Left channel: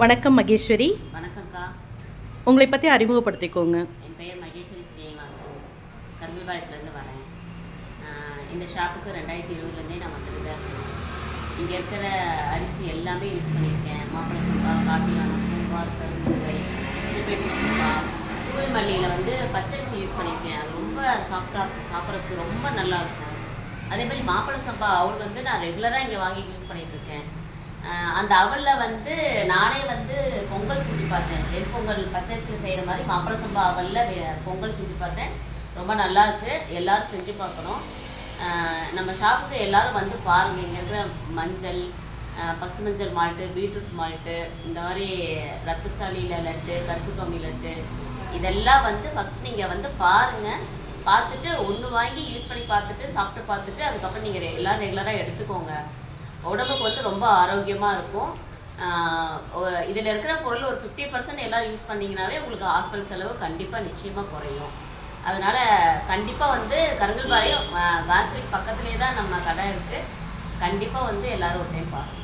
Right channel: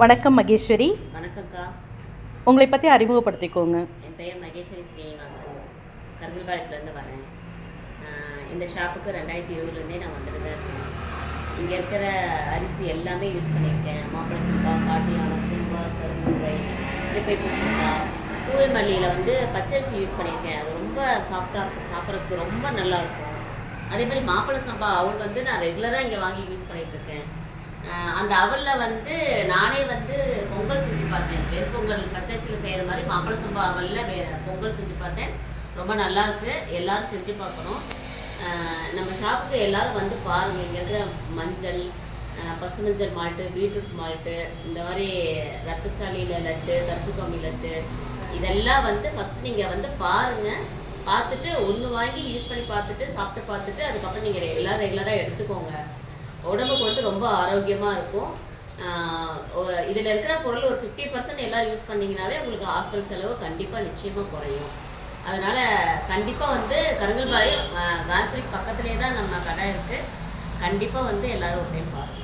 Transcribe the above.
வணக்கம் மகேஸ்வரி. வணக்கம்க்கா. உங்களை பற்றி அறிமுகப்படுத்திக்கோங்க. என் பெயர் மகேஸ்வரி ஸ்ரீனிவாசன். கருங்கல்பாளையத்துலேருந்து வரேன். இந்த ஷாப்புக்கு 2020 நான் வந்துட்டு தான் இருக்கேன். இங்கே இருக்கிற அரிசி எல்லாமே யூஸ் பண்ணியிருக்கேன். மாப்பிள்ளை சம்பா, காட்டியானம், கும்பார், கருமுருகை, திருப்பேட்டி சம்பா, தூரை மல்லியில் பச்சரிசி யூஸ் பண்ணியிருக்கேன். அது ரொம்ப சாஃப்டாக சாப்பிட்றதுக்கு ரொம்ப நல்லாயிருக்கும். அதே மாதிரி மாப்பிள்ளை சம்பா அவள் நான் ரெகுலராக இங்கே வாங்கி யூஸ் பண்ணிகிட்ருக்கேன். அந்த அவலில் நானே பொங்கல் செஞ்சு பார்த்தேன். வெண்பொங்கல் பச்சரிசியில் செய்கிற மாதிரி மாப்பிள்ளை சம்பா அவலில் பொங்கல் செஞ்சு பார்த்தேன். ரொம்ப நல்லாயிருக்கு. எல்லோரும் செஞ்சு பார்க்கணும். நம்ம ஷாப்புக்கு எல்லோரும் பாருங்கள். இங்கே இருக்கிற மஞ்சள், பசுமஞ்சள் மால்ட்டு, பீட்ரூட் மால்ட்டு, இந்த மாதிரி ரத்தசாலியில் லட்டு, கருப்பு கம்மி லட்டு, இதெல்லாம் ஃபஸ்ட்டு நீங்கள் பாருங்கள். பார்த்துட்டு ஒன்று வாங்கி யூஸ் பண்ணி பார்த்துட்டு சாப்பிட்டு பார்த்துட்டு அதுக்கப்புறம் நீங்கள் ரெகுலராக எடுத்துக்கோங்க. உடம்புக்கு ரொம்ப ஆரோக்கியமாக இருக்கும். இதில் இருக்கிற பொருள் ஒரு 50% எல்லோரும் யூஸ் பண்ணிங்கனாவே உங்களுக்கு ஹாஸ்பிட்டல் செலவு கண்டிப்பாக நிச்சயமாக குறையும். அதனால் கண்டிப்பாக கருங்கல்பாளையம் காந்த்ரி பக்கத்துலேயே தான் நம்ம கடை இருக்குது. கண்டிப்பாக எல்லோரும் ஒரு டைம் பாருங்கள்.